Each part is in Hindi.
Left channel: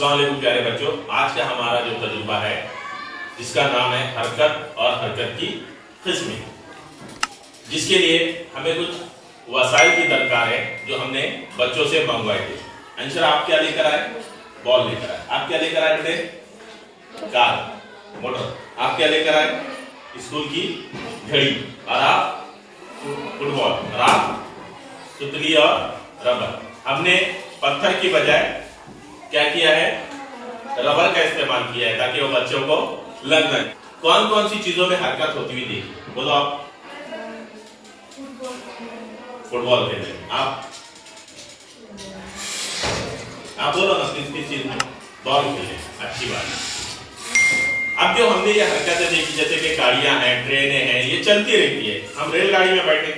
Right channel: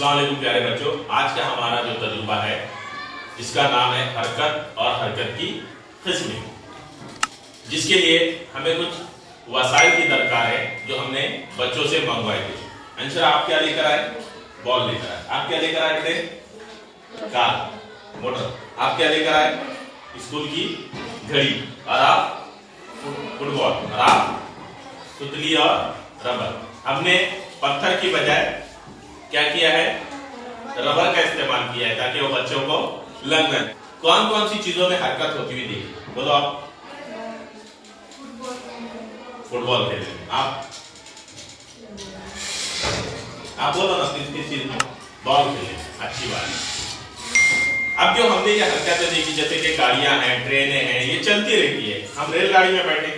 अस्सलाम वालेकुम प्यारे बच्चों, आज का हमारा जो तजुर्बा है इसका नाम है हरकत और हरकत की किस्में, जिसके लिए हमें कुछ वसाइल की दरकार है जो हमने बच्चों से मंगवाए थे। अंशर, आप क्या लेकर आए? बॉल लेकर आए। आप क्या लेकर आए बेटे? Car, motor. आप क्या लेकर आए? स्कूल की घड़ी। और आप फुटबॉल। और आप सुतली और रबर। हमने पत्थर की बजाय क्या किया है? रबर का इस्तेमाल किया है ताकि वो बच्चों को लग जाए। कौन कौन सी चीजों में हरकत होती हुई देखी? बोलो आप। फुटबॉल खेल रहे। आप बोलो ना, किस चीज में? बॉल खेले। अच्छी बात है। अब जो हमने ये हरकतें देखी, जैसे कि गाड़ियां हैं, ट्रेनें हैं, ये चलती रहती है। हम रेलगाड़ी में बैठे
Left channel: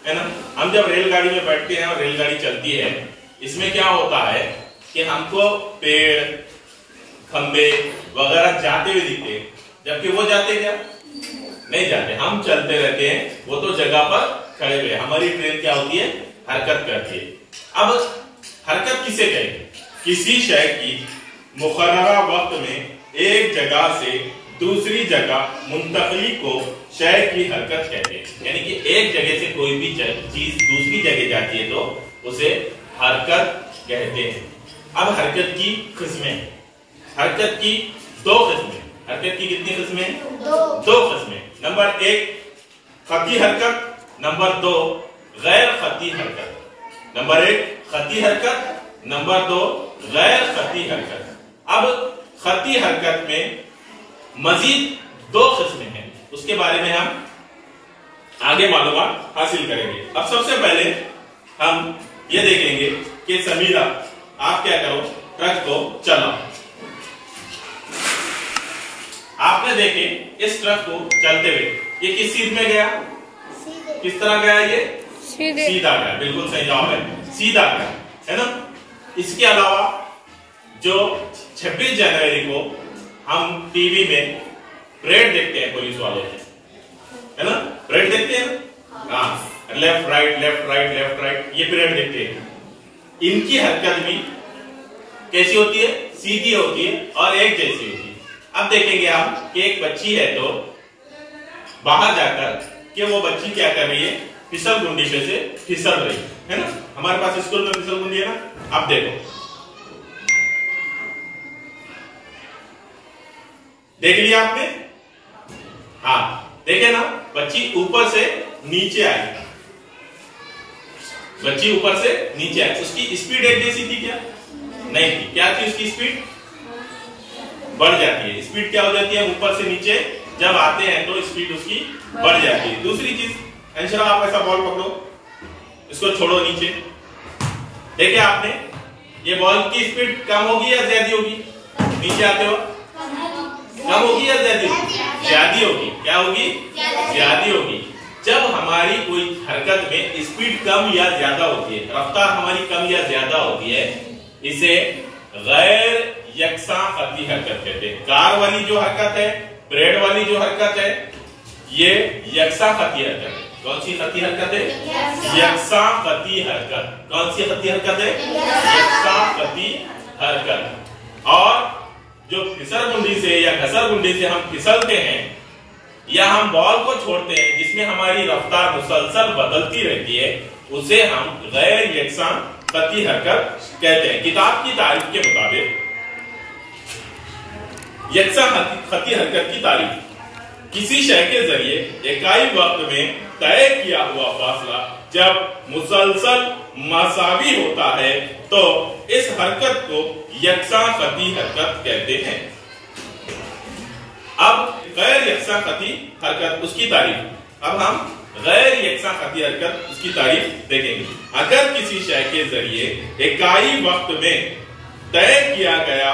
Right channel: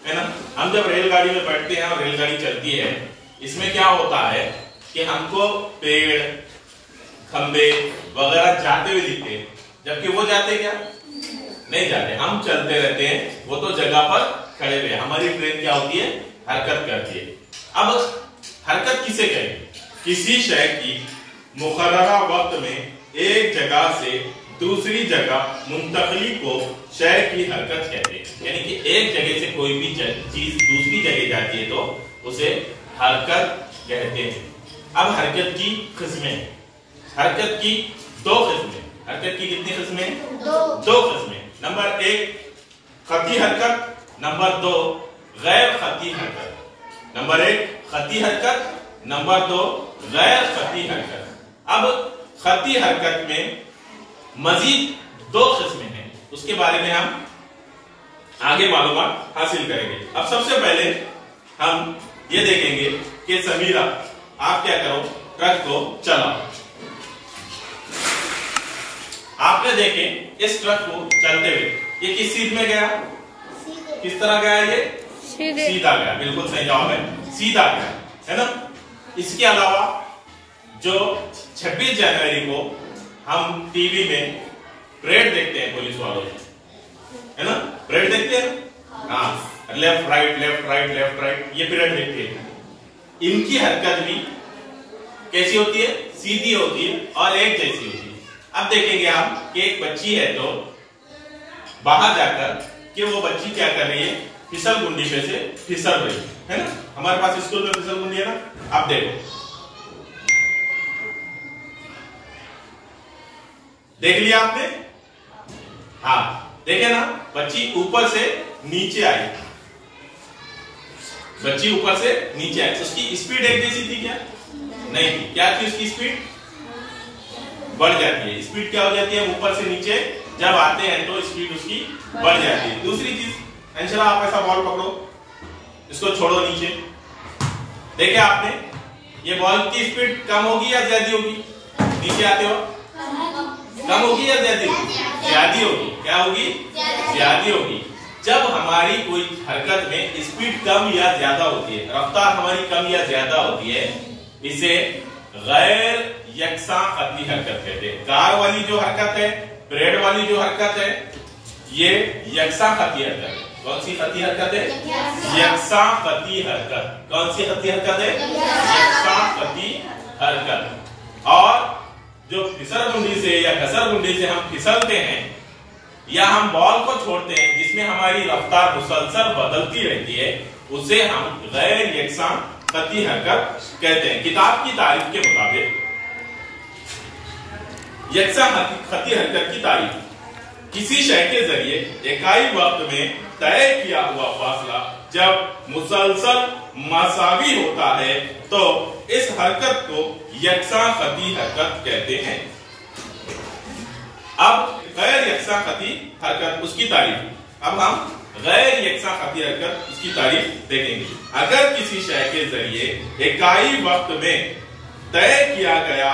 है ना, हम जब रेलगाड़ी में बैठते हैं और रेलगाड़ी चलती है, इसमें क्या होता है कि हमको पेड़, खंबे वगैरह जाते हुए दिखते हैं, जबकि वो जाते क्या? नहीं जाते। हम चलते रहते हैं, वो तो जगह पर खड़े हुए। हमारी ट्रेन क्या होती है? हरकत करती है। अब हरकत किसे कहते हैं? किसी शय की मुकर्ररा वक्त में एक जगह से दूसरी जगह मुंतकली को शय की हरकत कहते हैं। यानी कि एक जगह से कोई भी चीज दूसरी जगह जाती है तो उसे हरकत कहते हैं। अब हरकत की किस्में। हरकत की दो किस्में। हरकत की कितनी किस्में? दो किस्में। नंबर 1 खती हरकत, नंबर 2 गैर खती हरकत। नंबर 1 खती हरकत, नंबर 2 गैर खती हरकत। अब खती हरकत में मजीद 2 किस्में हैं, उसके बारे में हम आगे मालूमात हासिल करेंगे। अब सबसे पहले हम ये देखेंगे कि समीरा, आप क्या करो? ट्रक को चलाओ। आपने देखे इस ट्रक को चलते हुए, ये किस सीध में गया? किस तरह गया? ये सीधा गया। बिल्कुल सही जवाब है, सीधा गया, है ना। इसके अलावा जो 26 जनवरी को हम टीवी में परेड देखते हैं पुलिस वालों से, है ना, परेड देखते हैं। हाँ, left right left right left right, ये परेड देखते हैं। इनकी हरकत भी कैसी होती है? सीधी होती है और एक जैसी होती है। अब देखेंगे हम कि एक बच्ची है तो बाहर जाकर कि वो बच्ची क्या कर रही है? फिसल गुंडी पे से फिसल रही है ना। हमारे पास स्कूल में फिसल गुंडी है ना। अब देखो, देख लिया आपने? हाँ, देखे ना, बच्ची ऊपर से नीचे आई। बच्ची ऊपर से नीचे आई। उसकी स्पीड एक जैसी थी क्या? नहीं थी। क्या थी उसकी स्पीड? बढ़ जाती है। स्पीड क्या हो जाती है? ऊपर से नीचे जब आते हैं तो स्पीड उसकी बढ़ जाती है। दूसरी चीज, अंशरा आप ऐसा बॉल पकड़ो, इसको छोड़ो नीचे। देखिए आपने, ये बॉल की स्पीड कम होगी या ज्यादा होगी? नीचे आते हो कम होगी या ज्यादा होगी? ज्यादा होगी। क्या होगी? ज्यादा होगी। जब हमारी कोई हरकत में स्पीड कम या ज्यादा होती है, रफ्तार हमारी कम या ज्यादा होती है, इसे गैर यकसा खती हरकत कहते हैं। कार वाली जो हरकत है, परेड वाली जो हरकत है, ये यकसा खती हरकत है। कौन सी खती हरकत है? यकसा खती हरकत। कौन सी खती हरकत है? यकसा खती हरकत। और जो फिसल गुंडी से या घसर गुंडी से हम फिसलते हैं या हम बॉल को छोड़ते हैं जिसमें हमारी रफ्तार मुसलसल बदलती रहती है, उसे हम गैर यकसा खती हरकत कहते हैं। किताब की तारीफ के मुताबिक यकसा खती हरकत की तारीफ, किसी शय के जरिए इकाई वक्त में तय किया हुआ फासला जब मुसलसल मसावी होता है तो इस हरकत को यकसा खती हरकत कहते हैं। अब गैर यकसा खती हरकत, उसकी तारीफ। अब हम गैर यकसा खती हरकत, उसकी तारीफ देखेंगे। अगर किसी शय के जरिए इकाई वक्त में तय किया गया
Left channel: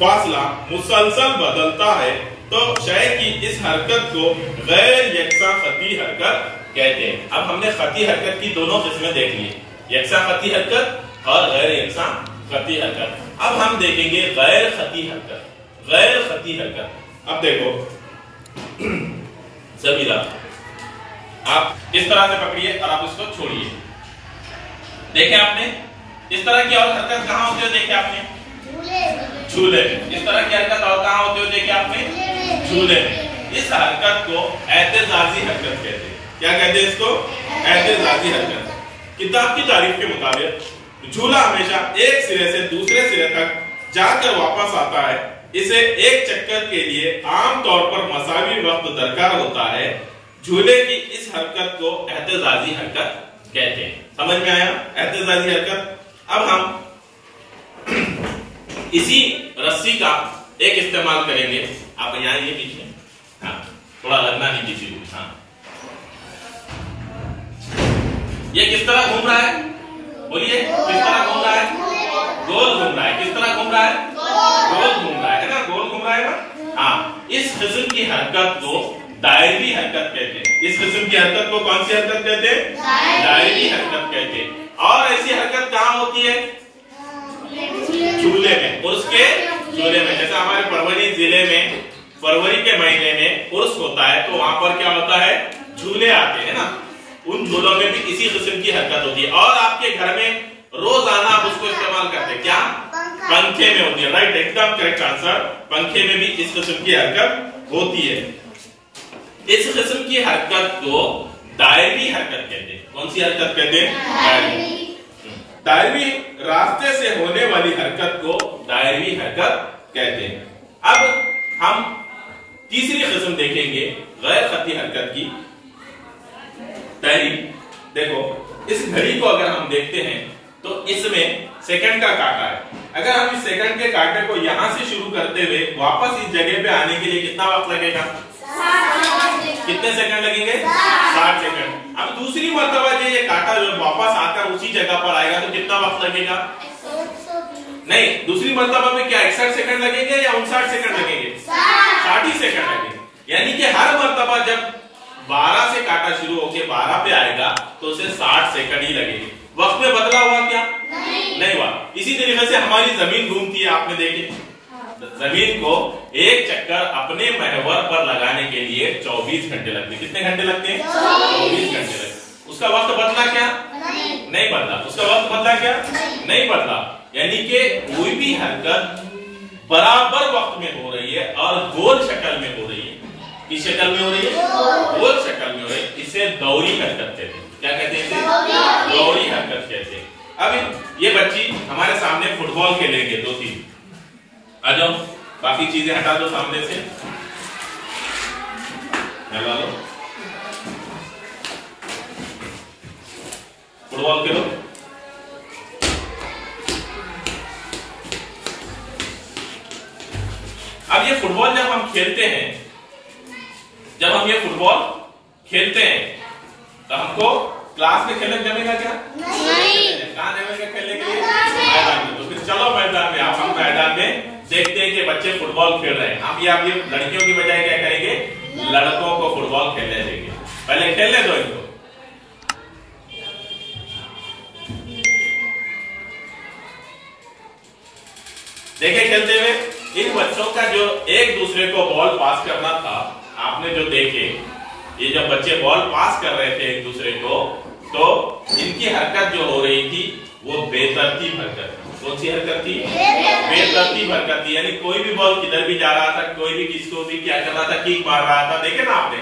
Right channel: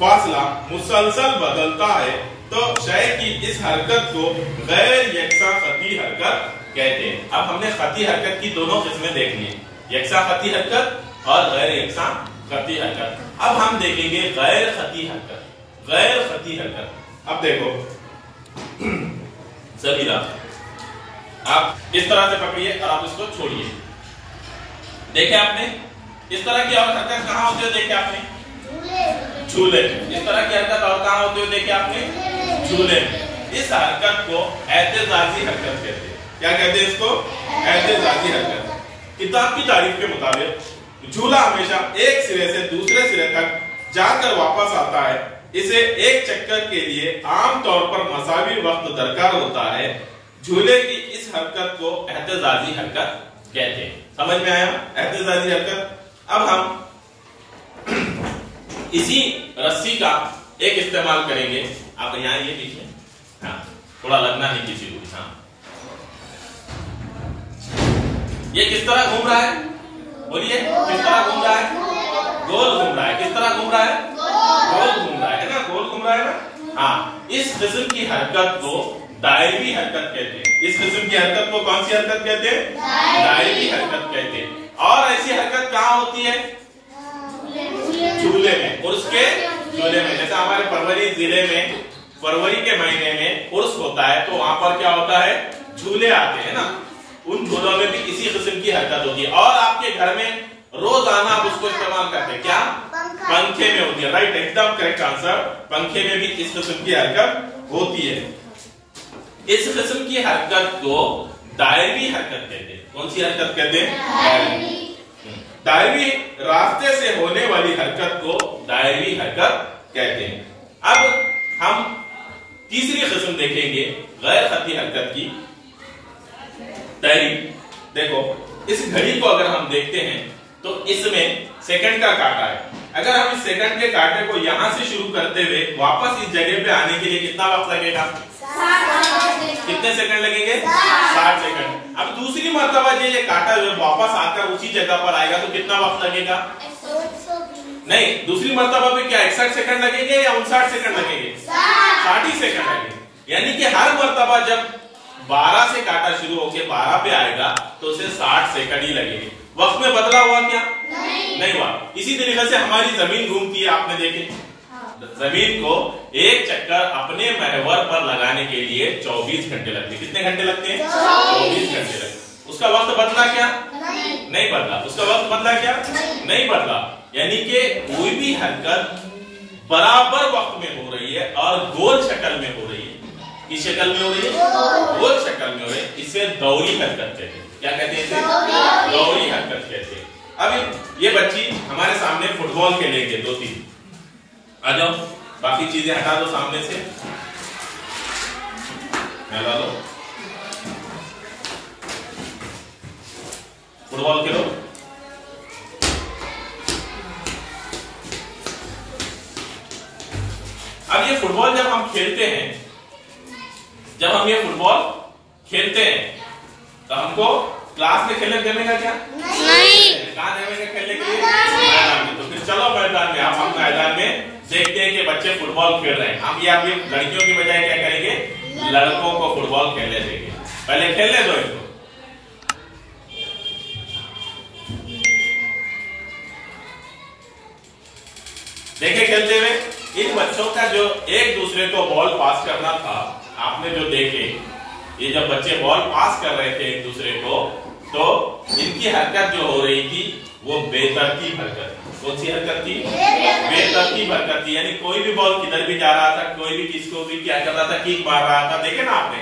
फासला मुसलसल बदलता है तो शय की इस हरकत को गैर यकसा खती हरकत कहते हैं। अब हमने खती हरकत की दोनों किस्में देख ली, यकसा खती हरकत और गैर यकसा खती हरकत। अब हम देखेंगे गैर खती हरकत। गैर खती हरकत, अब देखो समीरा, आप इस तरह से पकड़िए और आप इसको छोड़िए। देखे आपने, इस तरह की और हरकत कहाँ होती है देखे आपने? झूले में। इस तरह की हरकत और कहाँ होती है देखे आपने? झूले में। इस हरकत को एहतेजाजी हरकत कहते हैं। क्या कहते हैं इसको? एहतेजाजी हरकत। किताब की तारीफ के मुताबिक झूला हमेशा एक सिरे से दूसरे सिरे तक जाकर वापस आता है। इसे एक चक्कर के लिए आमतौर पर मसावी वक्त दरकार होता है। झूले की इस हरकत को एहतेजाजी हरकत कहते हैं। समझ में आया? एहतेजाजी हरकत। अब हम इसी रस्सी का एक इस्तेमाल करेंगे। आप यहाँ ये पीछे, हाँ थोड़ा लगना नहीं किसी को। हाँ ये किस तरह घूम रहा है? बोलिए किस तरह घूम रहा है? गोल घूम रहा है। किस तरह घूम रहा है? गोल घूम रहा है ना? गोल घूम रहा है ना? हाँ। इस किस्म की हरकत को दायरी हरकत कहते हैं। इस किस्म की हरकत को कौन सी हरकत कहते हैं? दायरी हरकत कहते हैं। और ऐसी हरकत कहाँ होती है? झूले में, उर्स के झूले में। जैसे हमारे फरवरी जिले में फरवरी के महीने में उर्स होता है, तो वहां पर क्या होता है? झूले आते हैं ना। उन झूलों में भी इसी किस्म की हरकत होती है। और आपके घर में रोजाना आप उसको इस्तेमाल करते हैं। क्या? पंखे में होती है। राइट, एकदम करेक्ट आंसर। पंखे में भी इस किस्म की हरकत होती है। इस किस्म की हरकत को दायरी हरकत कहते हैं। कौन सी हरकत कहते हैं? दायरी। दायरी रास्ते से होने वाली हरकत को दायरी हरकत कहते हैं। अब हम तीसरी किस्म देखेंगे गैर खती हरकत की। दायरी देखो, इस घड़ी को अगर हम देखते हैं तो इसमें सेकंड का कांटा है। अगर हम इस सेकंड के कांटे को यहां से शुरू करते हुए वापस इस जगह पे आने के लिए कितना वक्त लगेगा? कितने सेकंड लगेंगे? 60 सेकंड। अब दूसरी मर्तबा ये कांटा जो वापस आकर उसी जगह पर आएगा तो कितना वक्त लगेगा? नहीं, दूसरी मर्तबा पे क्या 61 सेकंड लगेंगे या 59 सेकंड लगेंगे? 60 सेकंड लगेंगे। यानी कि हर मर्तबा जब 12 से कांटा शुरू होकर 12 पे आएगा तो उसे 60 सेकंड ही लगेंगे। वक्त में बदला हुआ क्या? नहीं हुआ। इसी तरीके से हमारी जमीन घूमती है। आपने देखे जमीन को एक चक्कर अपने महवर पर लगाने के लिए 24 घंटे लगते हैं। कितने घंटे लगते हैं? 24 घंटे लगते हैं। उसका वक्त बदला क्या? नहीं बदला। उसका वक्त बदला क्या? नहीं बदला। यानी कि कोई भी हरकत बराबर वक्त में हो रही है और गोल शक्ल में हो रही है। किस शक्ल में हो रही है? गोल शक्ल में हो रही है। इसे दौरी हरकत कहते हैं। क्या कहते हैं इसे? दौरी हरकत कहते हैं। अब ये बच्ची हमारे सामने फुटबॉल खेलेंगे 2-3। आ जाओ, बाकी चीजें हटा दो सामने से। हटा लो, फुटबॉल खेलो। अब ये फुटबॉल जब हम खेलते हैं, जब हम ये फुटबॉल खेलते हैं तो हमको क्लास में खेलने का क्या? नहीं। कहाँ जाएंगे खेलने के लिए? मैदान में। तो फिर चलो मैदान में। आप हम मैदान में देखते हैं कि बच्चे फुटबॉल खेल रहे हैं। हम ये आप लड़कियों की बजाय क्या करेंगे? लड़कों को फुटबॉल खेलने देंगे। पहले खेलने दो इनको। देखे खेलते हुए इन बच्चों का जो एक दूसरे को बॉल पास करना था, आपने जो देखे, ये जब बच्चे बॉल पास कर रहे थे एक दूसरे को, तो इनकी हरकत जो हो रही थी वो बेतरतीब हरकत। कौन सी हरकत थी? बेतरतीब हरकत थी। यानी कोई भी बॉल किधर भी जा रहा था, कोई भी किसको भी क्या कर रहा था? किक मार रहा था। देखे ना आपने?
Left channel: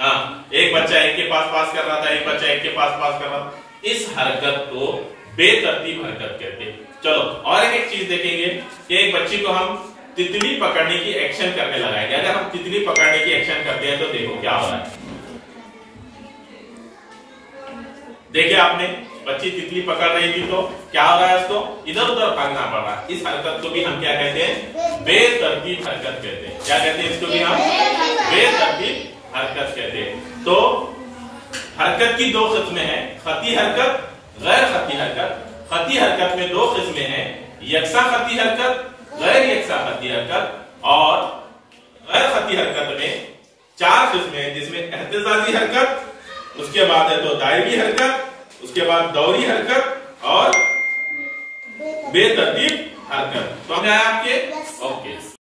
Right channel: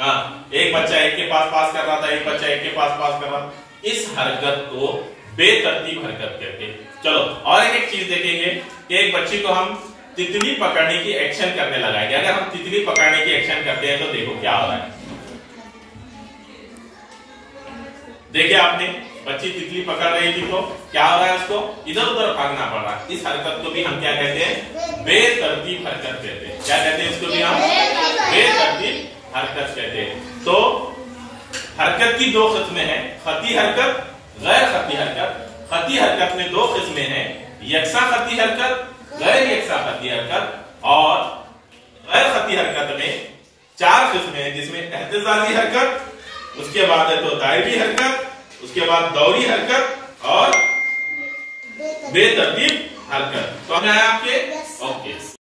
हाँ, एक बच्चा एक के पास कर रहा था, एक बच्चा एक के पास कर रहा था। इस हरकत को बेतरतीब हरकत कहते हैं। चलो और एक चीज देखेंगे कि एक बच्ची को हम तितली पकड़ने की एक्शन करने लगाएंगे। अगर हम तितली पकड़ने की एक्शन करते हैं तो देखो क्या हो रहा है। देखिए आपने, बच्ची तितली पकड़ रही थी तो क्या हो रहा है? उसको इधर उधर भागना पड़ रहा है। इस हरकत को भी हम क्या कहते हैं? बेतरतीब हरकत कहते हैं। क्या कहते हैं इसको भी हम? बेतरतीब हरकत कहते हैं। तो हरकत की दो किस्में हैं, खती हरकत, गैर खती हरकत। खती हरकत में दो किस्में हैं, यकसा खती हरकत, गैर यकसा खती हरकत। और गैर खती हरकत में 4 किस्में हैं, जिसमें एहतेजाजी हरकत, उसके बाद है तो दायरी हरकत, उसके बाद दौरी हरकत और बेतरतीब हरकत। तो हम आए आपके ओके।